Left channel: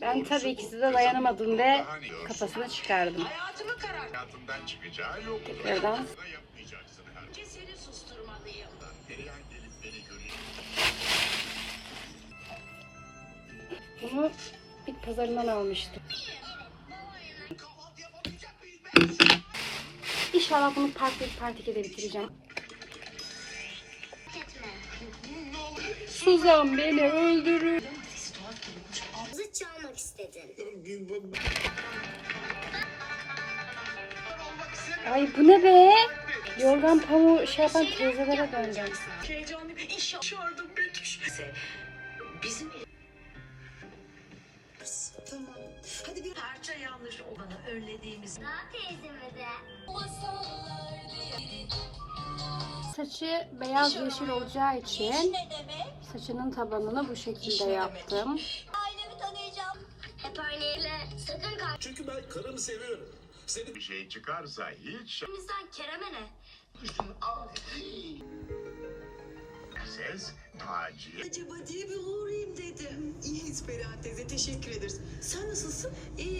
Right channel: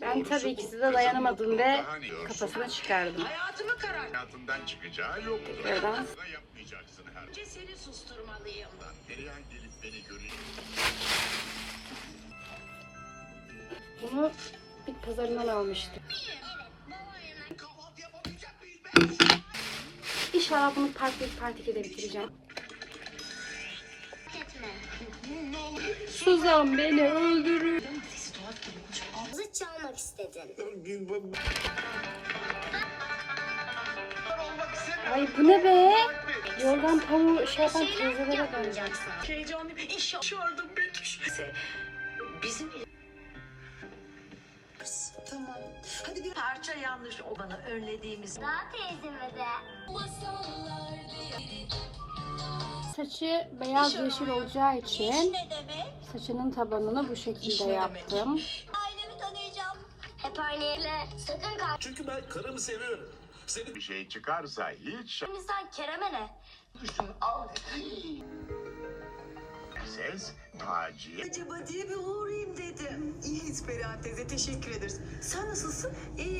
Ben tabii ki size dayanamadım ve kafasını çıkardım. Hayatımı karar. Hayatından çıkacağı yok. Tekrardan. Bunu bit pazarından almıştım. İnşallah bunu part 1 part 2'de bitireceğim. Suzan beni öldürür. Ay bu ne be? Yorgan pamuğu şey yapan teyzelere döndüm. Heyecanlı bir iş yapıyordum Betüş. Bizim Tamam. Hadi bir parça yanlış olanı önlediğimiz Daha teyzeme de. Saçı beyaz yeşil olacağı için saçının tabanını bu şekilde yaptım. Yerle sakın Çünkü ben karımı seviyorum. Senin bir şey çıkarsa hiç kalbimizden Kerem'e ne? ses Taci'ye acaba diye bir uğrayayım dedim. İyiyiz Perihan teyze teşekkür ederiz. Sen nasılsın? İyi.